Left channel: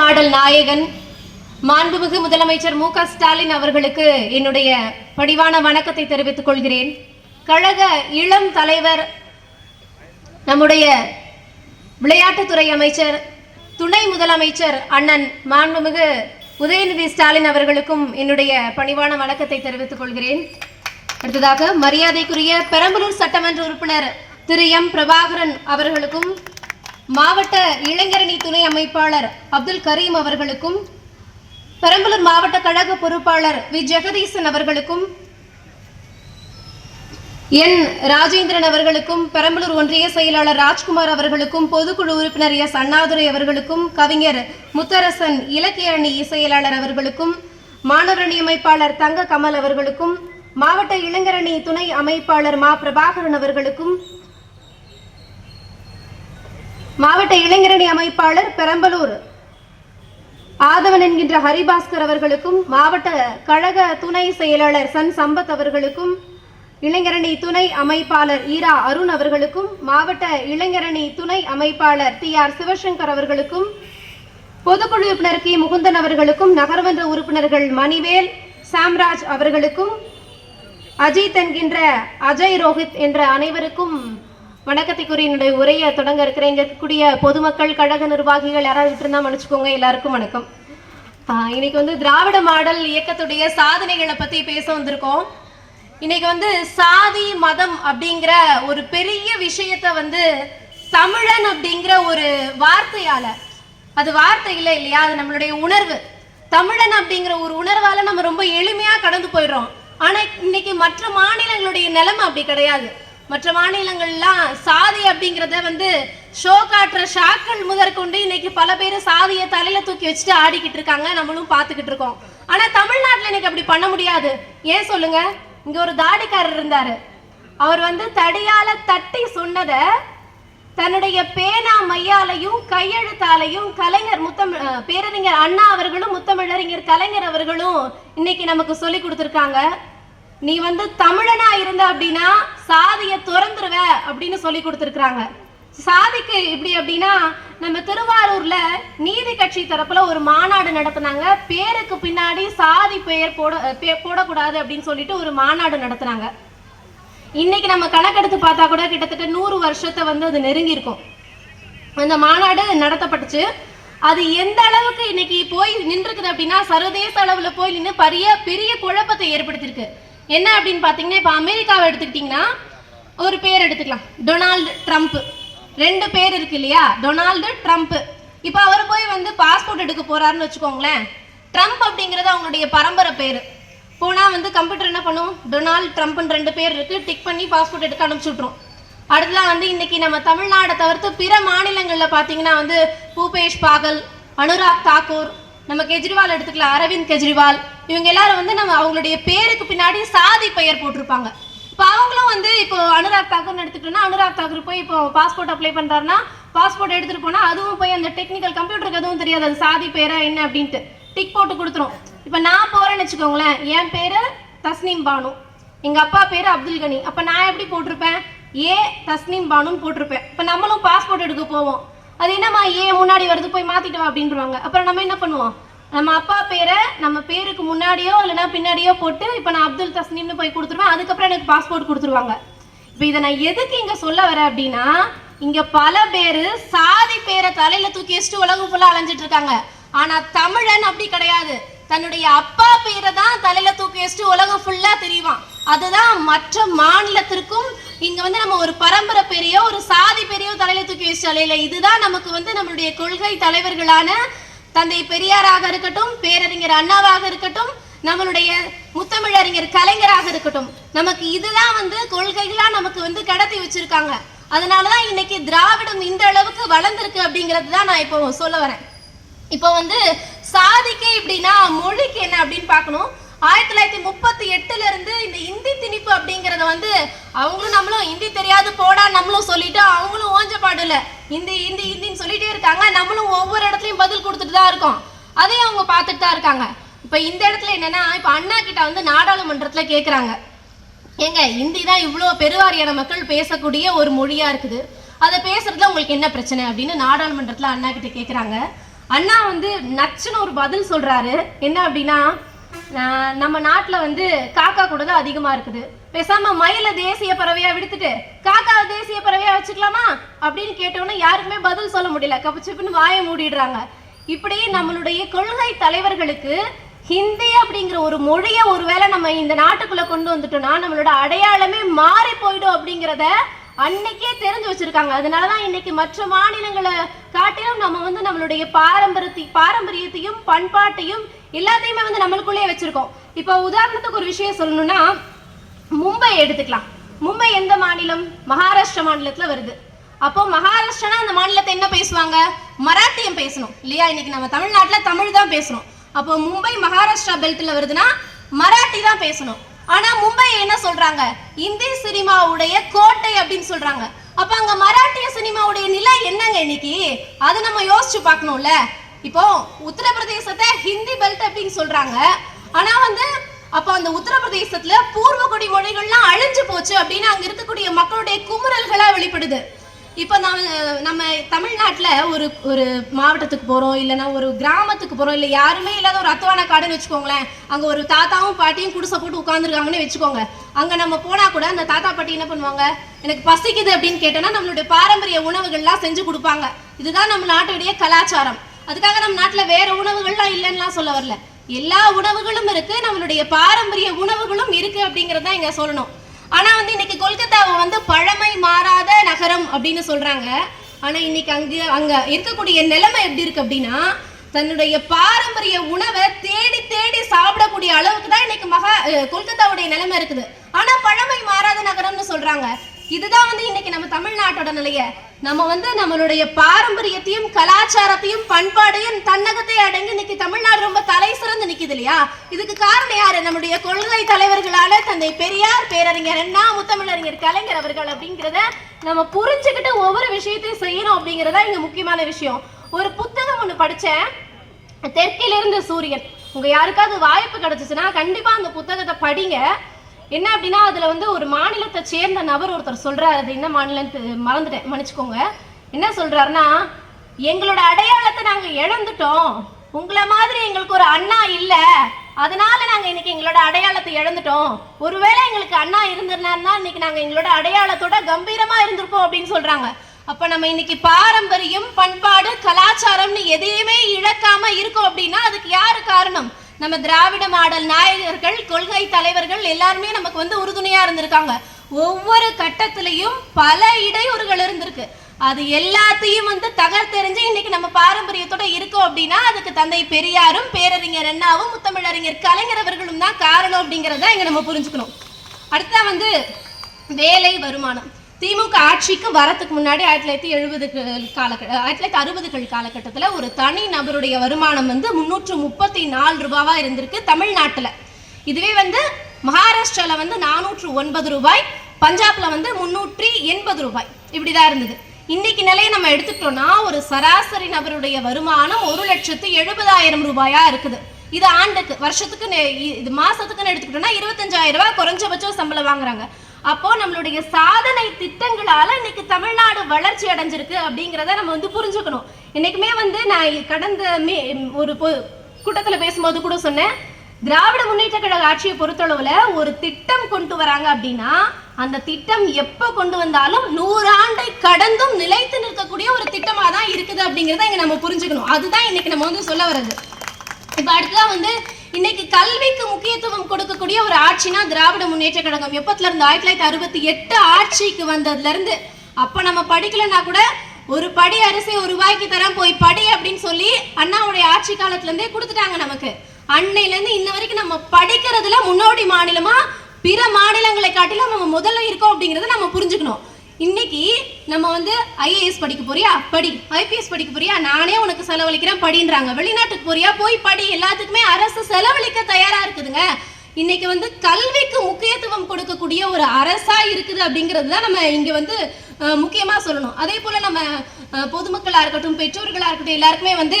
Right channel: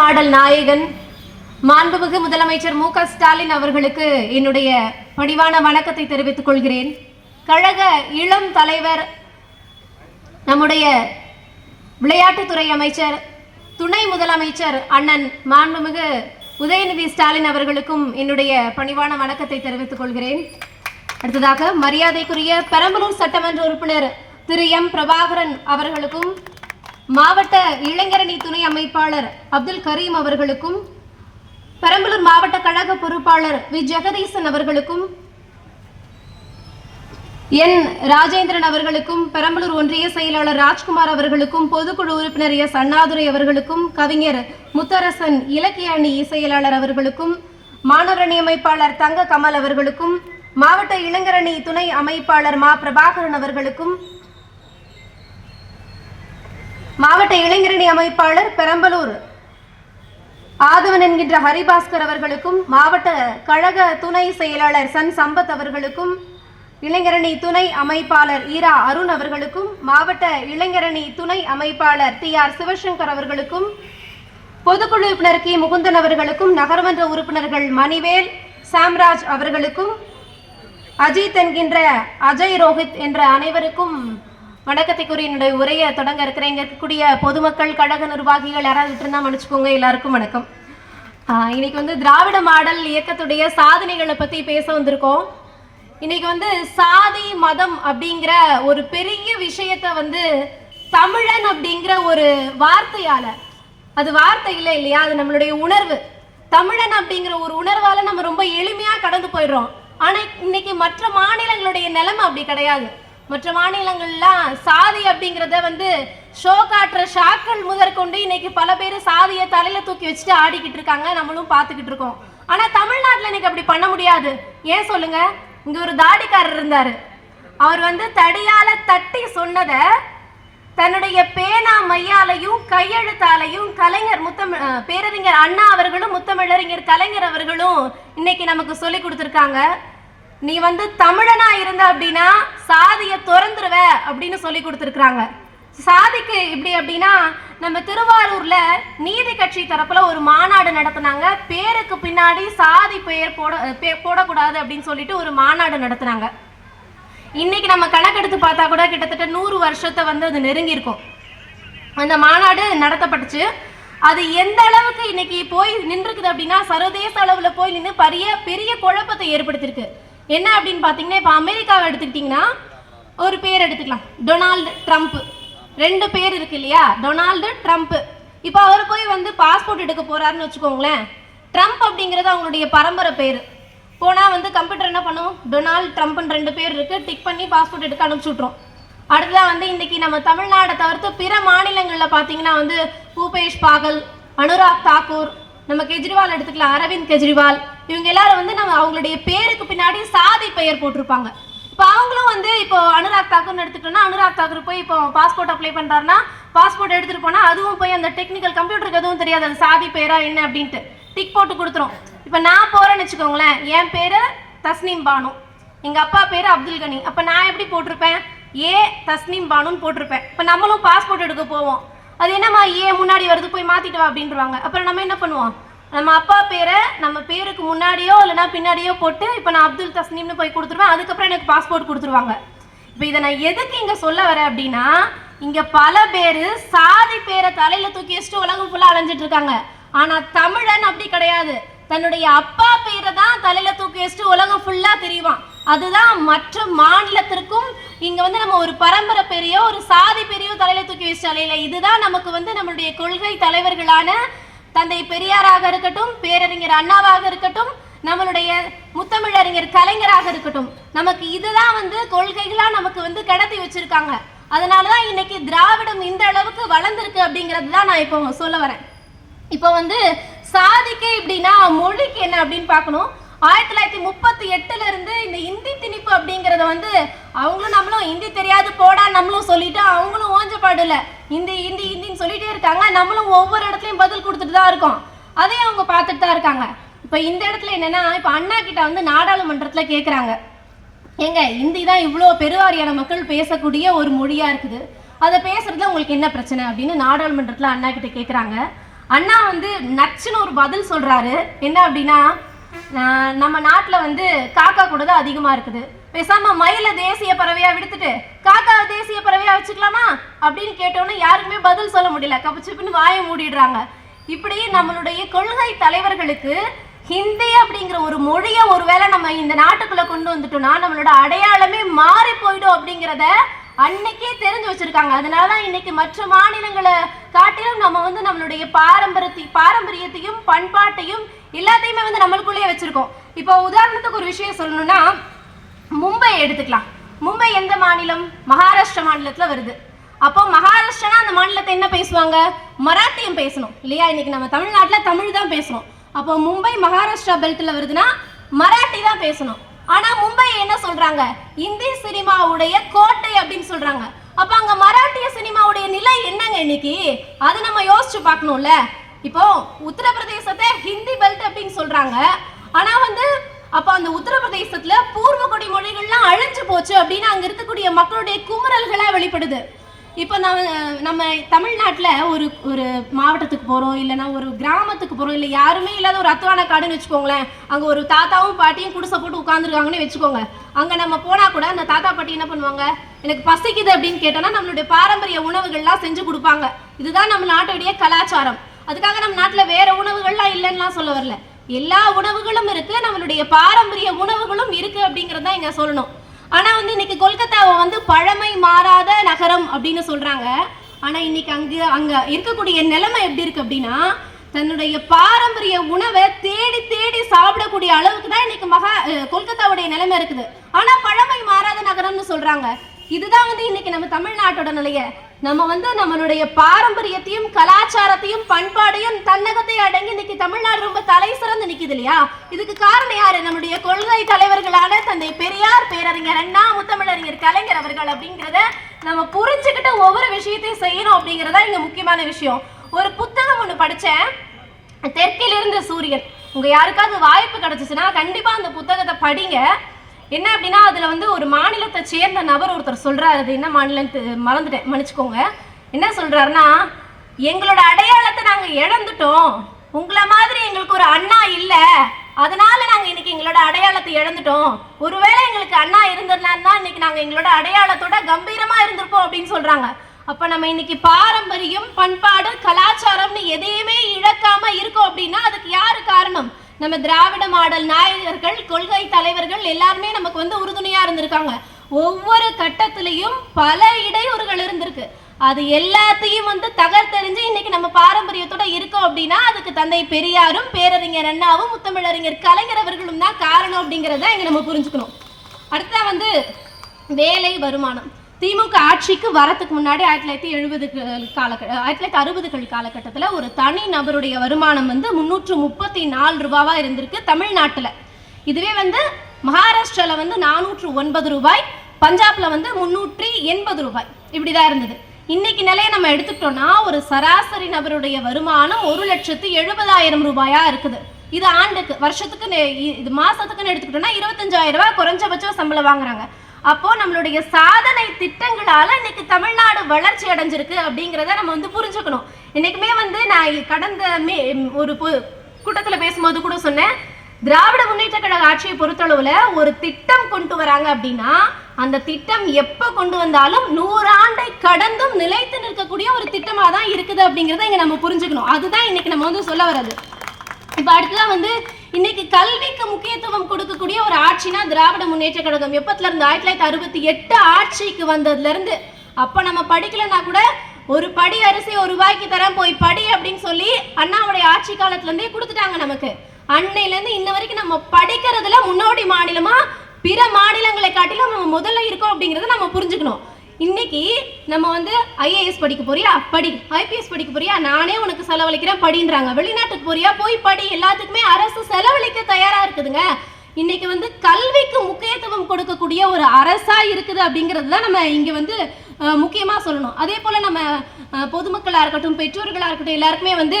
பாடல் நாயகன் மாண்புமிகு முதலமைச்சர் மு க ஸ்டாலின் அவர்களுக்கு என்னுடைய பணிவான வணக்கத்தை தெரிவித்துக் கொள்கிறேன். கழக இளம் தலைவர், நம்முடைய விளையாட்டுத்துறை அமைச்சர், துணை முதலமைச்சர் அண்ணன் மாண்புமிகு உதயநிதி ஸ்டாலின் அவர்களுக்கும் என்னுடைய பணிவான வணக்கத்தை தெரிவித்துக் கொள்கிறேன். அடுத்ததாக மரியாதைக்குரிய பெரம்பலூர் சட்டமன்ற உறுப்பினர் திரு எம் பிரபாகரன் அவர்களுக்கும், மாவட்ட இளைஞரணி துணை அமைப்பாளர் அப்துல் கரீம் அவர்களுக்கும், பெரம்பலூர் மாவட்ட கழக பொறுப்பாளர் வி ஜெகதீசன் அவர்களுக்கும், என் ராஜேந்திரன் அவர்களுக்கும், பெரம்பலூர் ஒன்றிய செயலாளர் ராஜ்குமார் அவர்களுக்கும், பொதுக்குழு உறுப்பினர் எஸ் அண்ணாதுரை அவர்களுக்கும், கவிஞர் முத்தரசன் இலக்கிய அணி செயலாளர் அவர்களுக்கும், மாணவரணி அமைப்பாளர் தங்க கமல் அவர்களுக்கும், மாவட்ட இளைஞரணி துணை அமைப்பாளர் மா பிரபாகரன் அவர்களுக்கும், மாவட்ட இளைஞரணி அமைப்பாளர் பெரம்பலூர் ஆதவன் என்கின்ற ஹரிபாஸ்கர் அவர்களுக்கும், மாவட்ட கழக துணை செயலாளர் சன் சம்பத் அவர்களுக்கும், இளைஞரணி துணை அமைப்பாளர் ஈரா அருண் அவர்களுக்கும், மாவட்ட இளைஞரணி துணை அமைப்பாளர் டி ஆர் சிவசங்கர் அவர்களுக்கும், பொதுக்குழு உறுப்பினர் கி முகுந்தன் அவர்களுக்கும், நகர்மன்ற உறுப்பினர்கள் மணிவேல் சாம்ராஜ் அவர்களுக்கும், அஜித் என்கின்ற அஜய் ரோஹித் என்ற அனைவருக்கும் வணக்கத்தை கூறி என்னுடைய உரையை தொடங்க இருக்கிறேன். இங்க இருக்கக்கூடிய பொதுமக்கள், கழக நிர்வாகிகள் யாராவது விட்டுருந்தா மன்னிச்சுக்கோங்க. எல்லாருக்கும் வணக்கம். இன்னைக்கு திராவிட மாடல் இயக்கத்துடைய சாதனைகளை பத்தி பேச வந்திருக்கோம். இன்னைக்கு சாதி மதம் அப்படிங்கிற ஒரு பெரிய விஷயத்த தமிழன் அப்படிங்கிற ஒரு வார்த்தையால, அது வார்த்தை இல்லை இல்லையா, அது நம்மளுடைய உணர்வு. தமிழன் அப்படிங்கிற ஒரு உணர்வால நம்ம ரொம்ப எளிமையா கடந்து போயிடுறோம். ஆனா இன்னைக்கு மற்ற மாநிலங்களுடைய நிலைமை அப்படி கிடையாது. மற்ற மாநிலங்கள்லாம் சாதி அப்படிங்கிறத ஷோ காட்டுற ஷாக்கள் முதற்கொண்டு இன்னைக்கு பல பேர் சாதியை தலையில தூக்கி வச்சுட்டு ஆடிக்கிட்டு இருக்காங்க, நம்மளும் பார்த்துக்கிட்டு இருக்கோம். ஆனா தமிழ்நாட்டில் இன்னைக்கு அப்படி பண்ண முடியாது. ஏன் சொல்லுங்க? இங்க ஒரு தாடிக்காரர் இருந்தாரு. அவர் தடியால தட்டி சொன்னத தன்னுடைய பேனா மையாலையும் கையெழுத்தாலையும் கலைஞர் பேரறிஞர் அண்ணா அவர்களும் முத்தமிழறிஞர் கலைஞர் அவர்களும் இன்னைக்கு நமக்கு சொல்லி கொடுத்துருக்காங்க. நீ தமிழனா இருந்த அப்படின்னா சாதியை துறந்துருவ அப்படின்னு சொல்லி கொடுத்துருக்காங்க. சாதிக்கு இப்படி அப்படின்னா, நம்ம திருவாரூர்ல நீதி கட்சி தரப்புல ஒரு மாநாடு நடத்தினாங்க. பேருக்கு பின்னாடி சாதி பெயர் போடக்கூடாது அப்படின்னு சொல்லிட்டு ஒரு மாநாடு நடத்தினாங்க. இன்னைக்கு நம்ம கணக்கெடுத்து பார்த்தா கூட கிட்டத்தட்ட 100 வருஷத்தை அது நெருங்கி இருக்கும். அந்த மாநாடு நடத்தப்பட்டுச்சு. அது எந்த அளவுக்கு இன்னைக்கு போய் நின்றுக்குது அப்படின்னா, சர்வதேச அளவுல போய் நின்று பெரிய குழப்பத்தை ஏற்படுத்தியிருக்கு. என்ன அப்படின்னு பாத்தீங்கன்னா, இப்ப அமெரிக்காவை எடுத்துக்கிட்டீங்கன்னா ஒரு பேர் எடுத்துக்கலாம், டொனால்டு ட்ரம்ப். 2 பேர் இருக்கு இல்லையா, டொனால்டு ட்ரம்ப். இப்ப அவர் போய் பாஸ்போர்ட் எடுக்க போறாருன்னு வச்சுக்கோங்களேன். ட்ரம்ப் அப்படிங்கிறது அவங்களுடைய பரம்பரை பேரு. போனா கம்ப்யூட்டர் என்ன பண்ணும், டொனால்டு ட்ரம்ப்னு 2 பேர் இருக்கு, டிக் பண்ணி பாஸ்போர்ட் எடுக்க அனுப்பிச்சு விட்டுரும். அடுத்ததான் இன்னைக்கு நம்ம தமிழ்நாடை தவிர்த்து பிற மாநிலங்கள்ல பாத்தீங்கன்னா பூபேஷ் பாகல், அனுராக் தாக்கூர், நம்ம கெஜ்ரிவால் எடுத்துக்கலாம், அரவிந்த் கெஜ்ரிவால், இவங்க எல்லாரும் நம்ம அவங்களுடைய பேருக்கு பின்னாடி சாதி பெயர் போட்டிருப்பாங்க. இப்போ அவங்களும் இப்போ அனுராக் தாக்கூர்னு எடுத்துக்கிட்டோம்னா, அனுராக் தாக்கூர் போய் இப்போ பாஸ்போர்ட் அப்ளை பண்றாருன்னா, பாஸ்போர்ட் எடுத்துட்டு போனா அதுவும் போய் அந்த டெக்னிக்கல் கம்ப்யூட்டருக்கு எதுவும் தெரியாது அது சாதி பேரா என்ன அப்படின்ட்டு டிக் போட்டு கொடுத்துரும். இப்போ நான் போறேன்னு வச்சுக்கோங்களேன், என் பேரு தஸ்னீம் பானு, எங்க அப்பா பேரு அப்துல் கனி. அப்ப நான் எப்படி போட்டிருப்பேன், ஏ தஸ்னீம் பானுன்னு போட்டிருப்பேன். இப்போ நம்மளும் பாஸ்போர்ட் எடுக்க போவோம், அது என்னம்மா ஏ முன்னாடி வருது, போய் மாத்திட்டு வா அப்படின்றாங்க. அப்புறம் நம்ம என்ன பண்ணுவோம், நம்ம அப்பா பேரை நம்ம பேருக்கு முன்னாடியோ இல்லைன்னா பின்னாடியோ போட்டு இப்போ நான் அப்துல் தஸ்னீம்னு போய் கொடுத்துருவேன். அதுக்கப்புறம் எனக்கு பாஸ்போர்ட் கொடுத்துருவாங்க. இப்போ இதை நான் எதுக்கு இங்க சொல்ல வரேன் அப்படின்னா, இங்க பல பேர் சாதி பேரை தலையில தூக்கி வச்சுட்டு உலகம் ஃபுல்லா அலைஞ்சிட்டு இருக்காங்க. ஆனா தமிழன் அப்படி கிடையாது. தன்னுடைய அப்பா பேரை தான் தலையில தூக்கி வச்சுட்டு உலகம் ஃபுல்லா தெரியுவான். அதுதான் மற்ற மாநிலத்திற்கும் இங்க நம்ம ஒரு பரம்பரை பெரியோ ஒரு சாதி பெரியோ தலையில தூக்கி வச்சாலே. இதுதான் நமக்கு நம்மளுடைய கொள்கை தலைவர்களான தந்தை பெரியாராக இருக்கட்டும், பேரறிஞர் அண்ணாவாக இருக்கட்டும், நம்மளுடைய முத்தமிழறிஞர் கலைஞராக இருக்கட்டும், நமக்கு இதுதான் கொள்கைகளா நமக்கு கடத்தி வச்சிருக்காங்க. அதனாலதான் இன்னைக்கு திராவிடம் இந்த அளவுக்கு வளர்ந்துருக்கு அப்படிங்கிறது தான் நான் இப்போ சொல்ல வரேன். இப்போ சாதிக்கு இப்படின்னா மொழிக்கு என்ன அப்படின்னு பார்க்கணும். 1938 இருந்து இந்த இந்தி திணிப்பு அப்படிங்கறத அவங்களும் நம்மளும் ஹிந்தி தெரியாது போடா நம்மளும் சொல்லிட்டு அவங்களும் ஓஞ்சப்பாடுல ஹிந்தி ஹிந்தி ஹிந்தின்னு சொல்லிட்டே இருக்காங்க. நம்மளும் ஒவ்வொரு இடத்துலயும் பதில் கொடுத்துட்டு தான் இருக்கோம். அதையும் அவங்க பார்த்துட்டு தான் இருக்காங்க. இப்ப இந்த இடத்துல என்னன்னா, இப்ப அண்ணா கிட்ட நாடாளுமன்றத்துல கேக்குறாங்க, ஏங்க ஹிந்தி தான் இவ்வளோ பெருவாரியான மக்கள் பேசக்கூடிய ஒரு மொழியா இருக்குது, அதை பேசுறதுல உங்களுக்கு என்ன பிரச்சனை அப்படின்னு நாடாளுமன்றத்துல அண்ணா கிட்ட கேட்குறாங்க. அண்ணா வந்து நச்சுன்னு ஒரு பதில் சொல்றாரு. என்ன அப்படின்னா, நம்ம நாட்டில் வந்து காக்கா கூட தான் அதிகமாக இருக்குது, பேசாம மயில தேசிய பறவையா விடுத்துட்டு காக்காவை தேசிய பறவையா வச்சுக்கலாமா அப்படின்னு கேட்டோன்னா யாருக்குமே பதில் சொல்ல முடியல. கப்பச்சிப்புன்னு வாயை மூடிடுறாங்க. இப்படி நம்மளுடைய கொள்கை தலைவர்களுக்கு ஹிந்தி அப்படிங்கிற ஒரு மொழியை ஒருவேளை நம்ம இந்த நாட்டுக்குள்ள கொண்டு வந்துட்டோம்னா நம்மளோட அடையாளமே மாறி போயிடும் அப்படிங்கிறத அன்னைக்கே தெரிஞ்சு வச்சிருக்காங்க. அதனாலதான் இன்னைக்கு மற்ற மாநிலங்களை காட்டிலும் நம்ம வந்து நம்மளுடைய பாரம்பரியத்தையும் பண்பாட்டையும் எல்லாத்தையுமே வந்து நம்மளுக்குள்ளே வச்சிருக்கோம். இப்போ உதாரணத்துக்கு ஒரு விஷயம் சொல்லணும்னா, மும்பை எடுத்துக்கலாம். மும்பை எந்த மாநிலம்? மகாராஷ்டிரா மாநிலத்துல வருது. அப்போ மகாராஷ்டிரா அந்த மாநிலத்தை என்ன பேசுவாங்க? மராட்டியம் பேசணும் இல்லையா? இன்னைக்கு நம்ம தமிழ்நாட்டில் தமிழ் தான் பேசணும். அப்போ மும்பை மகாராஷ்டிரா பெல்ட்ல வருதுன்னா மராட்டி தான் பேசணும். ஆனா மும்பையை என்ன சொல்றாங்க? இந்தி சினிமாவுடைய கோட்டை அப்படின்னு சொல்றாங்க. அப்ப அங்க மராட்டிய சினிமாவுடைய நிலை என்னங்க இன்னைக்கு? அதை நம்ம யோசிச்சு பார்க்கணும்ல. இப்போ உத்தரப்பிரதேசத்தை ஹிந்தி பெல்ட் அப்படின்னு சொல்றாங்க. ஆனா வந்து அப்ப அந்த உத்தரப்பிரதேசத்துல பூர்வகுடி மொழிகள்லாம் அழிஞ்சு போச்சு அப்படின்னு அங்க இருக்கக்கூடிய மக்களுடைய குமுறல்களா வெளிப்படுது. இப்ப நம்ம தமிழ்நாட்டுல ஒரு மாவட்டத்துக்கு போறோம், இல்லைன்னா ஒரு கிராமத்துக்கு போறோம், இல்ல யாருமே இல்லாத ஒரு அத்துவான காடுன்னு வச்சுக்கோங்களேன். அங்க ஒரு தாத்தாவும் பாட்டியும் குடிசை போட்டு உட்கார்ந்துருக்காங்கன்னு வச்சுக்கோங்க. அங்க நம்ம போனா கூட அந்த தாத்தா பாட்டி என்ன பண்ணுவாங்க? எனக்கு பசிக்குது அப்படின்னு கேட்டோம்னா நம்மளுடைய பாரம்பரிய உணவுகள்லாம் செஞ்சு கொடுப்பாங்க. இதுதான் நம்ம நாட்டுடைய கலாச்சாரம். அதுக்காக நம்ம நாட்டுல வேற உணவுகள்லாம் இல்லைன்னுலாம் சொல்ல வரல. எல்லா உணவுகளும் இருக்கு, நம்மளுடைய பாரம்பரிய உணவுகளும் இருக்கு அப்படிங்கறத இங்க சொல்லணும். ஆனா வந்து இன்னைக்கு கொல்கத்தாவை வந்து பழமை மாறாத நகரம் அப்படின்னு சொல்றாங்க. ஆனா இன்னைக்கு அங்க இருக்கக்கூடிய நிலைமை எப்படி இருக்கு அப்படின்னா, தன்னுடைய பாரம்பரிய உணவை தேடி தேடி சாப்பிடக்கூடிய அளவுக்கு தான் இன்னைக்கு கொல்கத்தாவுடைய நிலைமை இருக்குது. ஆனா பழமை மாறாத நகரம்னு சொல்றாங்க. இதுதான் வந்து இன்னைக்கு நம்ம தமிழ்நாட்டோட நிலைய. நம்ம வந்து நம்மளுடைய பாரம்பரியத்தையும் கலாச்சாரத்தையும் பண்பாடையும் தன்னகத்தை அடங்கி இன்னைக்கு தமிழ்நாடு ரொம்ப தலை சிறந்து நிக்குது இல்லையா? இதுக்கு காரணம் யாரு? நம்முடைய கொள்கை தலைவர்களான தந்தை பெரியார், பேரறிஞர் அண்ணா, முத்தமிழறிஞர் கலைஞர் அவர்கள் அப்படிங்கிறத நம்ம புரிஞ்சுக்கிட்ட ஒவ்வொரு விஷயத்தையும் செய்யணும் அப்படிங்கிறதா இங்க முக்கியமான விஷயம். ஒரு புத்தகம் ஒண்ணு படிச்சேன், தெற்கிலிருந்து சூரியன். உங்க யாருக்காவது வாய்ப்பு கிடைச்சிச்சுன்னா கண்டிப்பா அந்த புத்தகத்தை படிங்க. என்ன அப்படின்னா, அதுல வந்து ஒரு மாநிலத்தை சேர்ந்த நபர் ஒருத்தர் சொல்றாரு. அது என்ன மாநிலத்து மறந்துட்டேன், மன்னிச்சுக்கோங்க. என்ன சொல்றாருன்னா, எங்களோட அடையாளத்தை நாங்க இழந்துட்டோம், உங்களை மாதிரி எங்களுக்கு ஒரு அண்ணா இல்ல, அதனால நாங்க இன்னைக்கு எங்களோட அடையாளத்தை இழந்துட்டோம். ஒருவேளை எங்களுக்கு அண்ணா இருந்திருந்தா இன்னைக்கு நாங்க எங்களோட அடையாளத்தோட கம்பீரமா இருந்திருப்போம் அப்படின்னு சொல்றாங்க. அப்ப நம்ம இன்னைக்கு பாரம்பரியம், பண்பாடு, கலாச்சாரம்னு எதையுமே இழக்காம இருக்கோம் அப்படின்னா அதுக்கு யாரு காரணம்? நம்ம திராவிட மாடல் நாயகர்கள், கொள்கை தலைவர்கள் எல்லாருமே நமக்கு வந்து உறுதுணையா இருந்திருக்காங்க. ஒவ்வொரு கட்டத்திலையும் பல இடையூறுகள் இருந்திருக்கு. அது எல்லாத்தையும் வந்து தகர்த்தெறிஞ்சு இன்னைக்கு நம்ம பாரம்பரியத்தோட இருக்கோம் அப்படின்னா அதுக்கு தந்தை பெரியாரும், பேரறிஞர் அண்ணாவும், முத்தமிழறிஞர் கலைஞர் அவர்களும் தான் காரணம் அப்படிங்கிறத இங்க நம்ம புரிஞ்சுக்கணும். அடுத்தா வந்து வேலை, வருமானம். திமுக ஆட்சிக்கு வரத்துக்கு முன்னாடி 1960கள் காலகட்டத்தில் ஒரு தனி நபருடைய வருமானம் வந்து 334 ரூபாவா இருந்திருக்கு தமிழ்நாட்டில். இதுவே வந்து மகாராஷ்டிரால வந்து 409 ரூபாய், பஞ்சாப்ல வந்து 380 ரூபாய் இப்படிதான் இருந்தது. இன்னைக்கு நிலையை நம்ம எடுத்துக்கிட்டோம்னா ஒரு சராசரி நபருடைய வருமானம் 1,70,000 ரூபாயா இருக்குது. இது ஆண்டுக்கு, வருஷத்துக்கு, இது மாசத்துக்குன்னு எடுத்துக்கிட்டோம்னா 25,000 ரூபாய் குறைஞ்சபட்சம் சம்பளம் வாங்குறாங்க. அப்போ நம்மளுடைய சாதனை திட்டங்களால இன்னைக்கு தமிழ்நாடு வளர்ச்சி அடைஞ்சிருக்கு அப்படிங்கிறத நம்ம வந்து புரிஞ்சுக்கணும். இன்னைக்குமே வந்து நான் கடந்த ஒரு கூட்டத்துல பேசும்போது கூட சொன்னேன், திராவிட முன்னேற்ற கழக ஆட்சியை பொறுத்தளவுல ஒரு திட்டம் கொண்டு வராங்க அப்படின்னா அந்த திட்டம் எப்ப கொண்டு வந்தாலும் 100 ஆண்டை கடந்தும் நிலைத்து நிற்கக்கூடிய ஒரு திட்டமா தான் இருக்குது அப்படிங்கிறத இங்க நம்ம புரிஞ்சுக்கணும். அதுதான் இன்னைக்கு நம்ம வந்து சொல்ல வர்றது. இப்ப அடுத்ததான் வந்து இன்னைக்கு கல்விக்கு முக்கியத்துவம் கொடுக்கக்கூடிய ஒரு ஆட்சினா திராவிட முன்னேற்ற கழகம். எப்பத்துல இருந்து? 1968 ஆட்சிக்கு வந்ததுல இருந்து. அப்ப நம்ம படிக்கலன்னா கூட ஒரு படி அரிசி 1 ரூபாய்க்கு தரம், போய் படி அப்படின்னு சொல்லி அண்ணாவுடைய ஆட்சி காலத்துல இருந்தே கொடுத்துட்டாங்க நமக்கு. அன்னையில இருந்து இன்ன வரைக்கும் நம்ம படிக்கிறதுல முன்னோடி மாநிலமா பிற மாநிலங்களை காட்டிலும் நம்ம முதல்ல இருக்கோம் அப்படிங்கறத நம்ம புரிஞ்சுக்கணும். இன்னைக்கு நம்ம வந்து IAS படிக்க போறியா? படி. IPS படிக்க போறியா? நானே உனக்கு செலவழிக்கிறேன் படின்றாங்க. வெளிநாட்டுக்கு போறியா? போய் படி. எல்லாத்துக்குமே அரசு செலவழிக்க தயாரா இருக்குதுங்க. இன்னைக்கு வந்து கல்விக்கு முக்கியத்துவம் கொடுக்கக்கூடிய ஒரு அரசா இருக்குது அப்படிங்கிறது தான் நம்ம இங்க வந்து முக்கியமா சொல்லணும். அதே போல நம்ம பொதுமக்களா இருக்கட்டும், பெற்றோர்களா இருக்கட்டும், எல்லாருக்குமே வந்து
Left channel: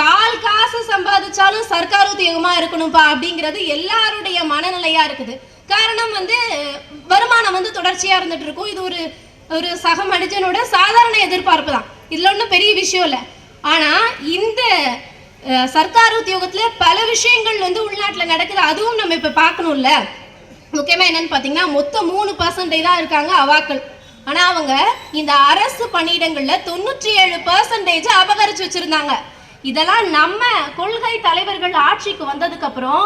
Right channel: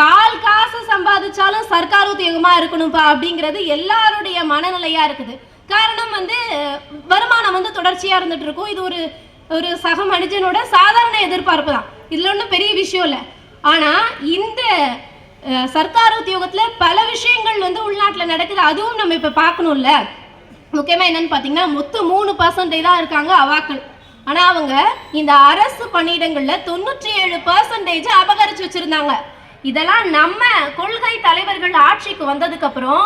கால் காசு சம்பாதிச்சாலும் சர்க்கார் உத்தியோகமா இருக்கணும்பா அப்படிங்கிறது எல்லாருடைய மனநிலையா இருக்குது. காரணம் வந்து வருமானம் வந்து தொடர்ச்சியா இருந்துட்டு இருக்கும். இது ஒரு சக மனிதனோட சாதாரண எதிர்பார்ப்பு தான். இதுல ஒன்றும் பெரிய விஷயம் இல்லை. ஆனா இந்த சர்க்கார் உத்தியோகத்துல பல விஷயங்கள் வந்து உள்நாட்டுல நடக்குது, அதுவும் நம்ம இப்ப பார்க்கணும்ல. முக்கியமா என்னன்னு பாத்தீங்கன்னா மொத்தம் 3% தான் இருக்காங்க அவாக்கள். ஆனா அவங்க இந்த அரசு பணியிடங்கள்ல 97% அபகரிச்சு வச்சிருந்தாங்க. இதெல்லாம் நம்ம கொள்கை தலைவர்கள் ஆட்சிக்கு வந்ததுக்கு அப்புறம்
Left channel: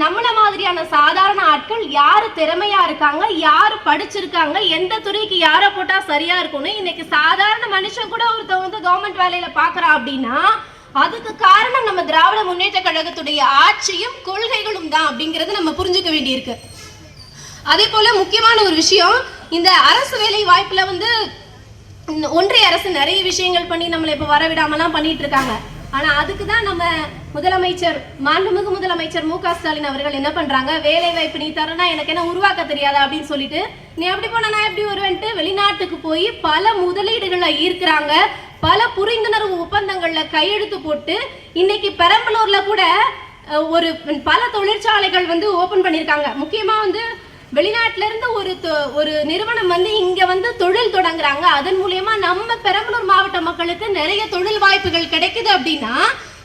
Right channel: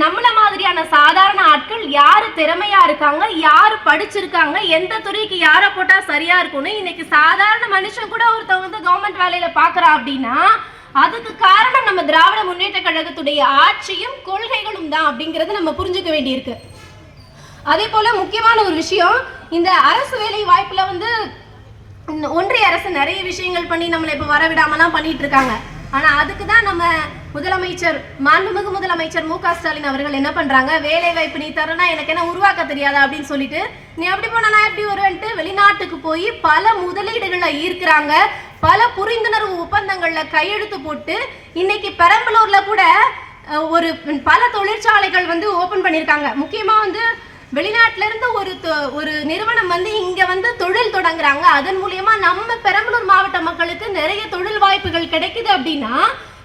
நம்மள மாதிரியான சாதாரண ஆட்கள் யாரு திறமையா இருக்காங்க, யாரு படிச்சிருக்காங்க, எந்த துறைக்கு யாரை போட்டா சரியா இருக்கும்னு இன்னைக்கு சாதாரண மனுஷன் கூட ஒருத்தவங்க வந்து கவர்மெண்ட் வேலையில பாக்குறா அப்படின்னா அதுக்கு காரணம் நம்ம திராவிட முன்னேற்ற கழகத்துடைய ஆட்சியும் கொள்கைகளும் தான் அப்படிங்கறத நம்ம புரிஞ்சுக்க வேண்டியிருக்கு. அதே போல முக்கியமான ஒரு விஷயம், இந்த அரசு வேலை வாய்ப்புல வந்து ஒன்றிய அரசு நிறைய விஷயங்கள் பண்ணி நம்மளை இப்ப வரவிடாமலாம் பண்ணிட்டு இருக்காங்க. ஆனா அதுக்கு தான் நம்ம முதலமைச்சர், மாண்புமிகு முதலமைச்சர் மு க ஸ்டாலின் அவர்கள் என்ன பண்றாங்க, வேலை வாய்ப்பு நீ தரனா எனக்கு என்ன உருவாக்க தெரியாதா அப்படின்னு சொல்லிட்டு, நீ எப்படி போனா நான் எப்படி வருவேன்ட்டு வெளிநாட்டுக்கு போய் பல முதலீடுகளை ஈர்க்கிறாங்க, பல புரிந்துணர்வு ஒப்பந்தங்கள்ல கையெழுத்து போட்டு இன்னைக்கு பெரம்பலூர்ல கூட ஒரு பல தொழிற்சாலைகள் வந்து ஓபன் பண்ணியிருக்காங்க. முக்கியமா வந்து வெளிநாட்டுல இருந்து ஒரு நிறுவனம் வந்து இங்க வந்து தொழில் தொடங்குறாங்க. அதன் மூலியமா நம்ம பெரம்பலூர் மாவட்ட மக்களுக்கு நிறைய தொழில் வாய்ப்புகள் கிடைக்குது. அப்படின்னா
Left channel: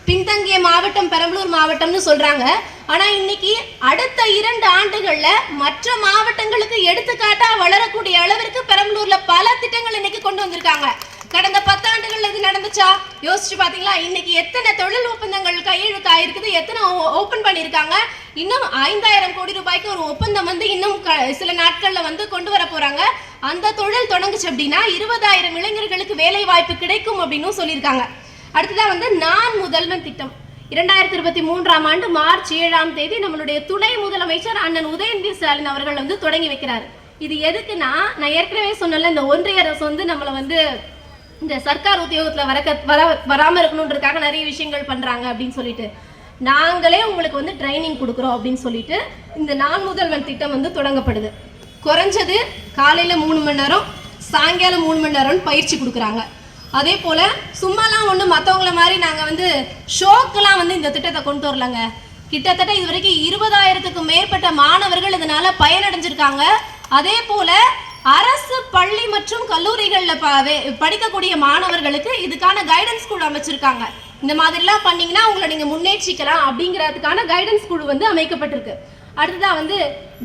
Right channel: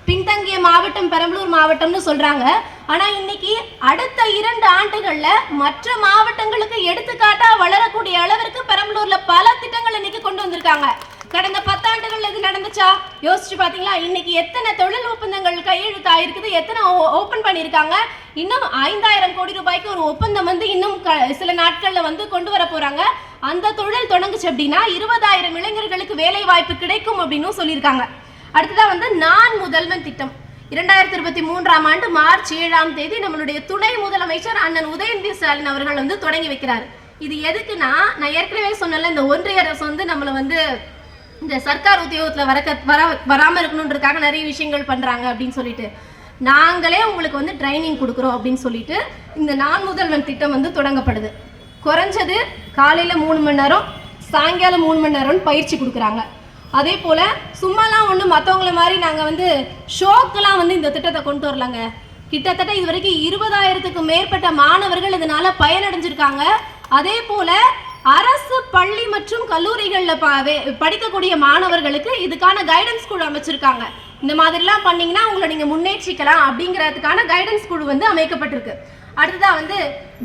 பின்தங்கிய மாவட்டம் பெரம்பலூர் மாவட்டம்னு சொல்றாங்க. ஆனா இன்னைக்கு அடுத்த 2 ஆண்டுகள்ல மற்ற மாவட்டங்களுக்கு எடுத்துக்காட்டா வளரக்கூடிய அளவிற்கு பெரம்பலூர்ல பல திட்டங்கள் இன்னைக்கு கொண்டு வந்திருக்காங்க. கடந்த 10 ஆண்டுகள்ல இது நடந்துச்சா யோசிச்சு பாத்தீங்களா? இன்னைக்கு எத்தனை தொழில் ஒப்பந்தங்கள் கையெழுத்து ஆயிருக்குது, எத்தனை ஓபன் பண்ணிருக்காங்க. இன்னும் 5000 கோடி ரூபாய்க்கு ஒரு ஒப்பந்தம் வந்து இன்னும் சில நாட்கள்ல வந்து கொண்டு வர போறாங்க. அந்த தொழில் தொடங்குச்சு அப்படின்னா 20000 இளைஞர்களுக்கு வேலை வாய்ப்பு கிடைக்கும் அப்படின்னு சொல்லியிருக்காங்க. அடுத்ததா வந்து நான் முதல்வன் திட்டம் 2023ஆம் ஆண்டு மார்ச் 7ஆம் தேதி நம்மளுடைய துணை முதலமைச்சர் அண்ணன் உதயநிதி ஸ்டாலின் அவர்கள் வந்து தொடங்கி வைக்கிறார். இது எதுக்குன்னா, நான் ஏற்கனவே சொன்னல, இந்த ஒன்றிய அரசு வந்து நம்மள வந்து இந்த சர்க்கார் உத்தியோகத்துல வராம இருக்கணும்ன்றதுக்காக நிறைய விஷயங்கள் பண்றாங்க அப்படின்னு சொல்லிட்டு, நாங்களே உங்களுக்கு வந்து ட்ரைனிங் கொடுக்குறோம் அப்படின்னு சொல்லிட்டு இந்த நான் முதல்வன் திட்டம் வந்து தொடங்கப்படுது. குறைஞ்சது காலையில 3 மணி நேரம், சாயங்காலம் 3 மணி நேரம் பயிற்சி கொடுக்குறாங்க. அதே போல சும்மாலாம் ஒண்ணு மற்றவங்கள மாதிரி நாங்க வந்து ஷோக்கெல்லாம் வந்து இந்த திட்டத்தை கொண்டு வரலங்க. கிட்டத்தட்ட இது வரைக்கும் 20000க்கு மேற்பட்ட மாணவர்கள் இதனால பயனடைஞ்சிருக்காங்க. அதே போல அரசு பள்ளி மற்றும் கல்லூரிகள்ல படிக்கக்கூடிய மாணவர்களுக்கு இதுக்கான கைடன்ஸ் குழு அமைச்சிருக்காங்க. இந்த மாதிரிலாம் பண்ணீங்கன்னா உங்களை நீங்க முன்னேற்றிக்கலாம் அப்படிங்கிறதுக்கான கைடன்ஸ் குழு வந்து அமைக்கப்பட்டிருக்கு. அடுத்ததா வந்து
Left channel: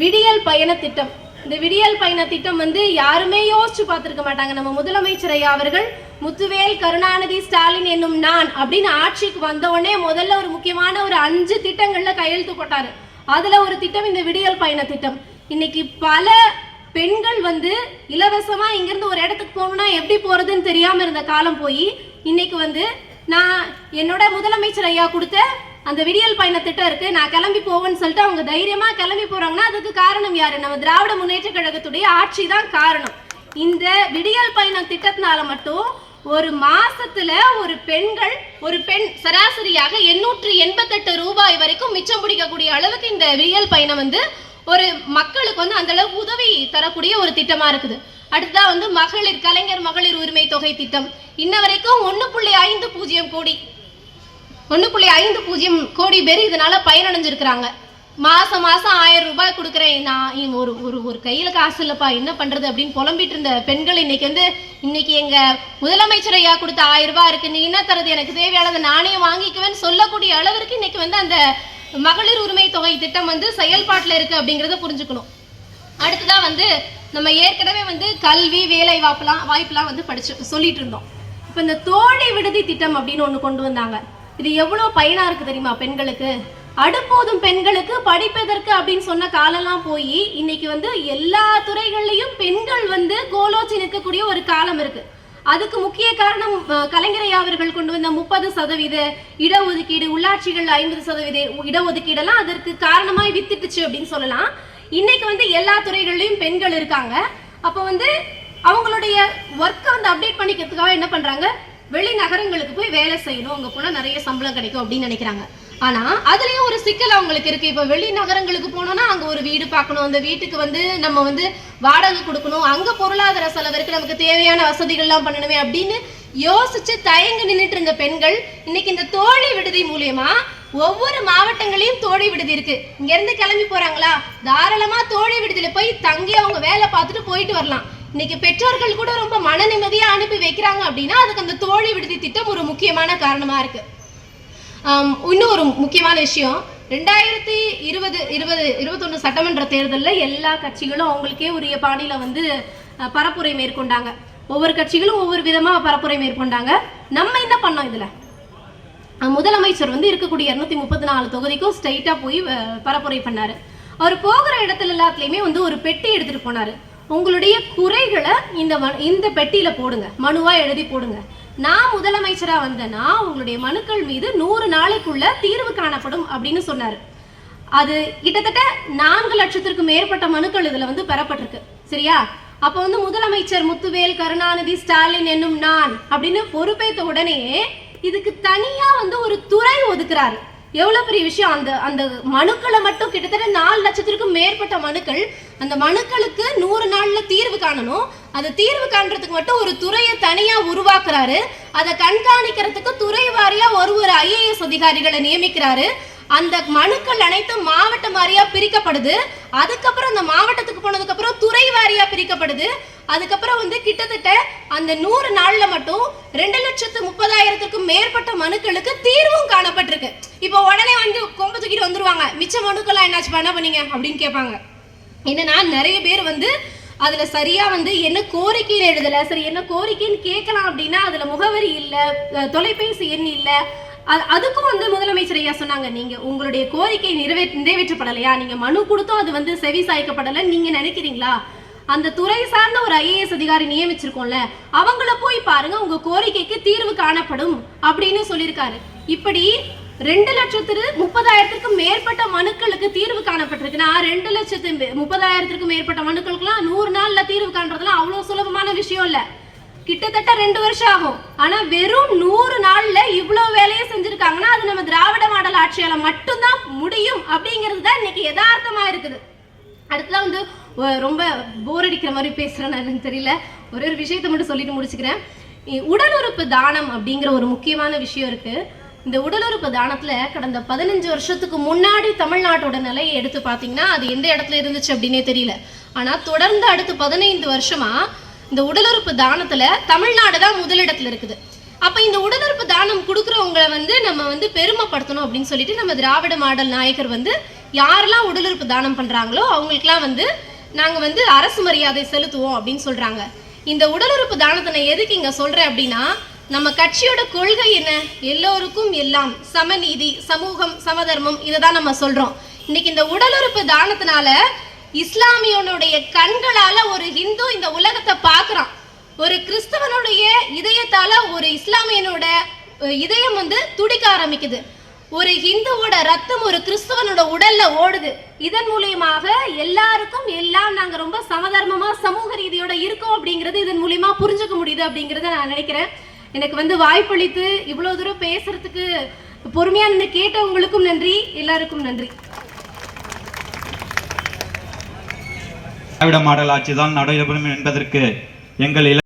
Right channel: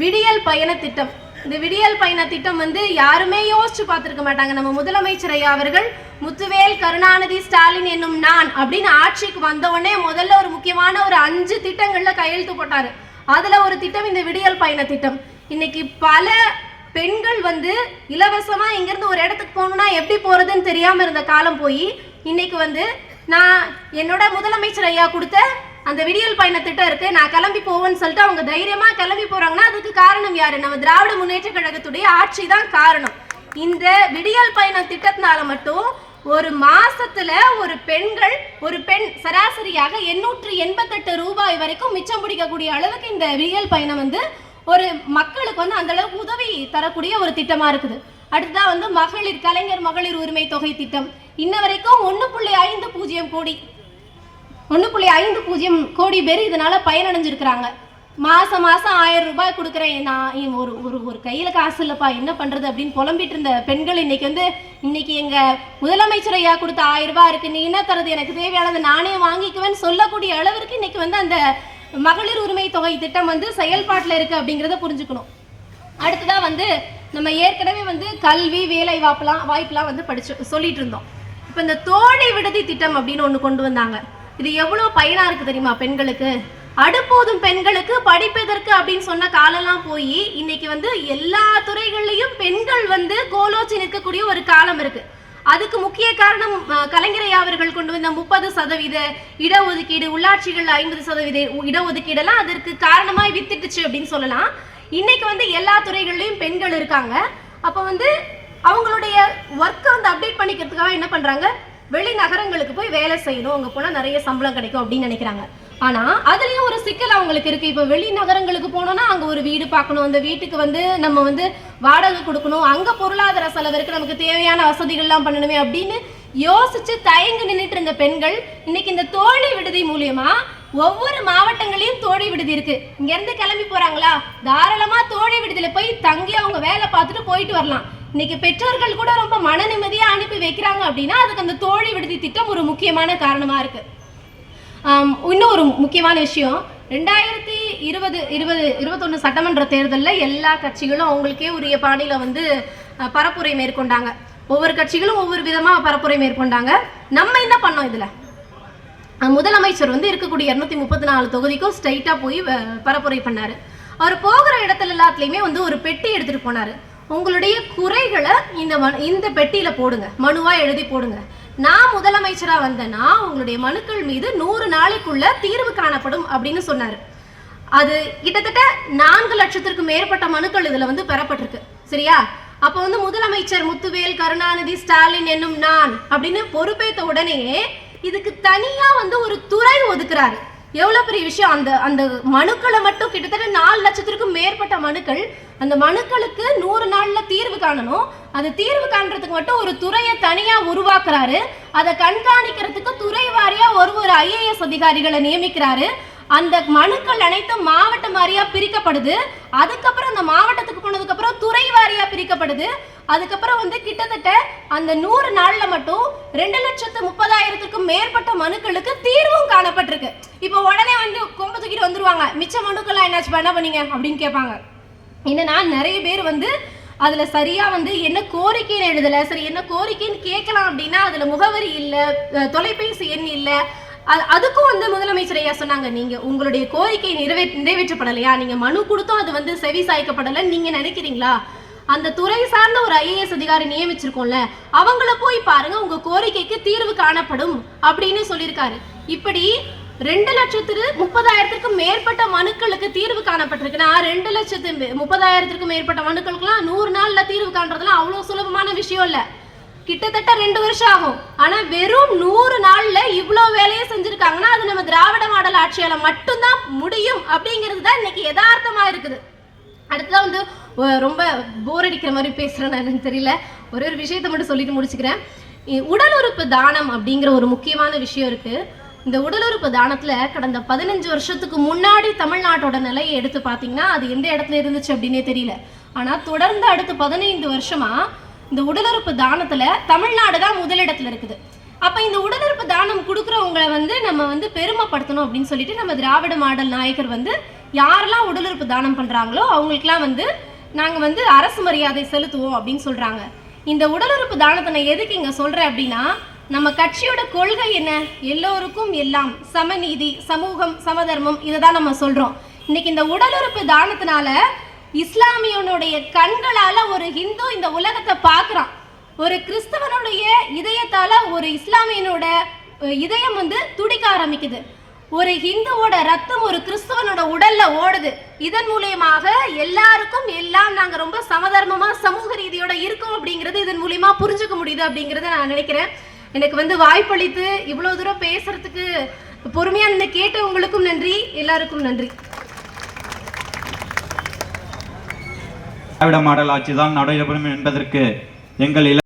விடியல் பயண திட்டம். இந்த விடியல் பயண திட்டம் வந்து யாருமே யோசிச்சு பார்த்திருக்க மாட்டாங்க. நம்ம முதலமைச்சர் ஐயா அவர்கள் முத்துவேல் கருணாநிதி ஸ்டாலின் என்னும் நான் அப்படின்னு ஆட்சிக்கு வந்த உடனே முதல்ல ஒரு முக்கியமான ஒரு 5 திட்டங்கள்ல கையெழுத்து போட்டாரு. அதுல ஒரு திட்டம் இந்த விடியல் பயண திட்டம். இன்னைக்கு பல பெண்கள் வந்து இலவசமா இங்கிருந்து ஒரு இடத்துக்கு போகணும்னா எப்படி போறதுன்னு தெரியாம இருந்த காலம் போய் இன்னைக்கு வந்து நான் என்னோட முதலமைச்சர் ஐயா கொடுத்த அந்த விடியல் பயண திட்டம் இருக்கு, நான் கிளம்பி போவேன்னு சொல்லிட்டு அவங்க தைரியமா கிளம்பி போறாங்கன்னா அதுக்கு காரணம் யாரு? நம்ம திராவிட முன்னேற்ற கழகத்துடைய ஆட்சி தான் காரணம். இந்த விடியல் பயண திட்டத்தினால மட்டும் ஒரு மாசத்துல ஒரு பெண் சராசரியாக 888 ரூபாய் வரைக்கும் மிச்சம் பிடிக்கக்கூடிய அளவுக்கு இந்த விடியல் பயணம் வந்து ஒரு மக்களுக்கு வந்து அந்த அளவுக்கு உதவி தரக்கூடிய ஒரு திட்டமா இருக்குது. அடுத்ததான் வந்து கலைஞர் மகளிர் உரிமை தொகை திட்டம். இன்ன வரைக்கும் 1.50 கோடி பேர் இதனால பயனடைஞ்சிருக்கிறாங்க. மாசம் 1000 ரூபாய் கொடுக்குறேன், நான் ஒரு கையில காசு இல்லப்பா என்ன பண்றது அப்படின்னு புலம்பிட்டு இருந்த பெண்கள் இன்னைக்கு எங்க முதலமைச்சர் ஐயா கொடுத்த 1000 ரூபாய் இருக்கு, நீ என்ன தரது, எனக்கு தேவையானது நானே வாங்கிக்குவேன்னு சொல்லக்கூடிய அளவிற்கு இன்னைக்கு வந்து அந்த மகளிர் உரிமை தொகை திட்டம் வந்து செயல்பாட்டில் இருக்கு அப்படிங்கிறத புரிஞ்சுக்கணும். அடுத்ததான் வந்து நம்ம ஏற்கனவே வந்து கல்வி வேலை வாய்ப்புலாம் வந்து சொல்லிட்டு இருந்தோம். இப்ப இந்த தோழி விடுதி திட்டம் அப்படின்னு ஒண்ணு கொண்டு வந்தாங்க. இது எவ்வளவு பயனா இருக்கு தெரியுமா பெண்களுக்கு? அடுப்போதும் பெண்களுக்கு படிப்பதற்கு அப்படின்னு சொன்ன காலெல்லாம் போய் இன்னைக்கு வந்து எல்லா துறைகள்லயும் பெண்கள் வந்து கோலோச்சி நிற்கக்கூடிய ஒரு காலம் இருக்கு. அதுக்கு முக்கிய காரணம் கலைஞர் ஐயா அவர்கள் கொண்டு வந்த 30% இடஒதுக்கீடு, உள்ளாட்சிகள் 50% இடஒதுக்கீடு எல்லாம் அதற்கு காரணமாய் வித்துட்டுச்சு அப்படின்னு சொல்லலாம். இன்னைக்கு வந்து எல்லா துறைகள்லயும் பெண்கள் இருக்காங்க. அப்ப வந்து அவங்களுடைய ஒர்க்கை வந்து அப்டேட் பண்ணிக்கிறதுக்காக என்ன பண்றாங்க, வெளிநகரங்களுக்கு போய் வேலை செய்யணும், அங்க போனா நிறைய சம்பளம் கிடைக்கும் அப்படின்னு நினைக்கிறாங்க. ஆனா அதுலயும் ஒரு சிக்கல் அவங்களுக்கு இருக்கு. இப்ப வெளிநகரங்களுக்கு போனோம்னா அங்க ஒரு வீடு பார்க்கணும், அந்த வீட்டுக்கு வந்து நம்ம வந்து வாடகை கொடுக்கணும், அங்க பொருளாதார செலவு இருக்கு, நமக்கு தேவையான வசதிகள் எல்லாம் பண்ணணுமே அப்படின்னு யோசிச்சு தயங்கி நின்றுட்டு இருந்த பெண்கள் இன்னைக்கு இந்த தோழி விடுதி மூலியமா ஒவ்வொரு மாவட்டங்களையும் தோழி விடுதி இருக்கு. இங்க இருந்து கிளம்பி போறாங்களா, தாராளமா தோழி விடுதியில போய் தங்கி அவங்க வேலை பார்த்துட்டு போயிட்டு வரலாம். இன்னைக்கு பெற்றோர்கள் கூட ரொம்ப மன நிம்மதியா அனுப்பி வைக்கிறாங்க அப்படின்னா அதுக்கு அந்த தோழி விடுதி திட்டம் ஒரு முக்கியமான காரணமா இருக்கு. இன்னும் ஒரு முக்கியமான விஷயம், 2020-21 சட்டமன்ற தேர்தலில் எல்லா கட்சிகளும் அவங்களுக்கே உரிய பாணியில வந்து பரப்புரை மேற்கொண்டாங்க. ஒவ்வொரு கட்சிகளும் ஒவ்வொரு விதமா பரப்புரை மேற்கொண்டாங்க. நம்ம என்ன பண்ணோம், இதுல முதலமைச்சர் வந்து இருக்கக்கூடிய 234 தொகுதிக்கும் ஸ்ட்ரைட்டா போய் பரப்புரை பண்ணாரு. அவர் போகிற இடத்துல எல்லாத்துலயுமே வந்து ஒரு பெட்டி எடுத்துட்டு போனாரு. உங்களுடைய குறைகளை இந்த பெட்டியில போடுங்க, மனுவா எழுதி போடுங்க. நான் முதலமைச்சரா வந்தேன்னா உங்களுடைய மனுக்கள் மீது 100 நாளைக்குள்ள தீர்வு காணப்படும் அப்படின்னு சொன்னாரு. அது கிட்டத்தட்ட 4 லட்சத்திற்கும் மேற்பட்ட மனுக்கள் இதுல வந்து பெறப்பட்டிருக்கு. சரியா? அப்ப வந்து முதலமைச்சர் முத்துவேல் கருணாநிதி ஸ்டாலின் என்னும் நான் அப்படின்னு பொறுப்பேற்ற உடனேயே இதுக்கு தனியா வந்து ஒரு துறை ஒதுக்குறாரு. எவ்வளவு பெரிய விஷயம்! அந்த மனுக்களை மட்டும் கிட்டத்தட்ட 4 லட்சத்திற்கும் மேற்பட்ட மனுக்கள். அந்த மனுக்களுக்கு 100 நாள்ல தீர்வு காணணும். அது தீர்வு காண்றதுக்கு மட்டும் ஒரு துறையை தனியா உருவாக்குறாரு. அதை கண்காணிக்கிறதுக்கு துறை வாரியா ஒரு IAS அதிகாரிகளை நியமிக்கிறாரு. அந்த மனுக்கள் அனைத்தும் மாவட்ட வாரியா பிரிக்கப்படுது. அதுக்கப்புறம் அந்த மாவட்டத்துக்கு போனதுக்கு அப்புறம் துறை வாரியா பிரிக்கப்படுது. அதுக்கப்புறம் வந்து கிட்டத்தட்ட அந்த 100 நாள்ல மட்டும் 2,30,000க்கும் மேற்பட்ட மனுக்களுக்கு தீர்வும் காணப்பட்டிருக்கு. இப்போ உடனே வந்து கொம்பு தூக்கிட்டு வந்துருவாங்க, மிச்ச மனுக்கெல்லாம் என்னாச்சு, என்ன பண்ணீங்க அப்படின்னு கேட்பாங்க. என்னன்னா நிறைய பேர் வந்து அதுல சரியா வந்து என்ன கோரிக்கைன்னு எழுதல. சரி, என்ன கோரிக்கைன்னு கேட்கலாம் அப்படின்னா அதுல முகவரி இல்ல, தொலைபேசி எண் இல்ல. அதுக்கும் வந்து முதலமைச்சர் ஐயா சொன்னாங்க, நீங்க உங்களுடைய கோரிக்கை நிறைவேற்றப்படலையா, நீங்க மனு கொடுத்தும் அது வந்து செவி சாய்க்கப்படல நீங்க நினைக்கிறீங்களா, அந்த துறை சார்ந்த ஒரு IAS அதிகாரி நியமிச்சிருக்கோம்ல, அவங்கள போய் பாருங்க, உங்க கோரிக்கைக்கு தீர்வு காணப்படும் அப்படின்னு சொல்லியிருக்காரு. இப்படி 2,30,000க்கும் மேற்பட்ட மனுக்களுக்கு தீர்வு காணப்பட்டிருக்குன்னா 2,30,000க்கும் மேற்பட்ட மனுக்களுக்குலாம் 100 நாள்ல தீர்வு காண்றதுலாம் அவ்வளவு சுலபமான விஷயம் இல்ல. கிட்டத்தட்ட 2 வருஷம் ஆகும். ஆனா வெறும் 100 நாள்ல இவ்வளவு வேலையை செஞ்சிருக்காங்கன்னா அது நம்ம திராவிட மாடல் ஆட்சியால மட்டும்தான் முடியும் அப்படிங்கிறது தான் இன்னைக்கு யதார்த்தமா இருக்குது. அடுத்ததான் வந்து ரொம்ப போர் அடிக்கிற மாதிரி பேசுறேன்னு எனக்கு தெரியல, ஒரே ஒரு விஷயத்தை மட்டும் சொல்லிட்டு முடிச்சுக்கிறேன். உடல் உறுப்பு தானம் அப்படிங்கிற ஒரு முக்கியமான விஷயம் இருக்கு. இந்த உடல் உறுப்பு தானத்துல கடந்த 15 வருஷத்துக்கு முன்னாடி தமிழ்நாட்டோட நிலையை எடுத்து பார்த்தீங்கன்னா அது எந்த இடத்துல இருந்துச்சு அப்படின்னே தெரியல. ஆனா தொடர்ந்து அடுத்து 15 வருஷமா இந்த உடல் உறுப்பு தானத்துல தமிழ்நாடு தான் முதலிடத்துல இருக்குது. அப்ப இந்த உடல் உறுப்பு தானம் கொடுக்குறவங்களை வந்து நம்ம வந்து பெருமைப்படுத்தணும் அப்படின்னு சொல்லிட்டு நம்ம திராவிட மாடல் நாயகர் வந்து யாரெல்லாம் உடல் உறுப்பு தானம் பண்றாங்களோ அவங்களுக்குலாம் வந்து நாங்க வந்து அரசு மரியாதை செலுத்துவோம் அப்படின்னு சொல்றாங்க. இந்த உடல் உறுப்பு தானத்தை நான் எதுக்கு இங்க சொல்றேன் அப்படின்னா, நம்ம கட்சியோட கொள்கை என்ன, எல்லோருக்கும் எல்லாம், சமநீதி, சமூகம், சமதர்மம், இதைதான் நம்ம சொல்றோம். இன்னைக்கு இந்த உடல் உறுப்பு தானத்தினால இஸ்லாமியனுடைய கண்களால ஒரு ஹிந்து இந்த உலகத்தை பார்க்கறான், ஒரு கிறிஸ்தவனுடைய இதயத்தால ஒரு இஸ்லாமியனோட இதயம் வந்து துடிக்க ஆரம்பிக்குது, ஒரு ஹிந்துவோட ரத்தம் ஒரு கிறிஸ்தவனோட உடல்ல ஓடுது. இதன் மூலியமாக எல்லாருக்கும் எல்லாம் நாங்க ரொம்ப சமதர்மமா சமூக ரீதியோட இருக்கோம் அப்படிங்கிறது இதன் மூலியமா புரிஞ்சுக்க முடியுது அப்படிங்கறத நான் நினைக்கிறேன். எனக்கு வந்து வாய்ப்பளித்து இவ்வளவு தூரம் பேசுறதுக்கு பொறுமையா நின்று கேட்டவங்களுக்கும் நன்றி, எல்லாருக்கும் நன்றி. திராவிட மாடல் ஆட்சிதான் நடைபெறும் என்பதற்கு எங்கள்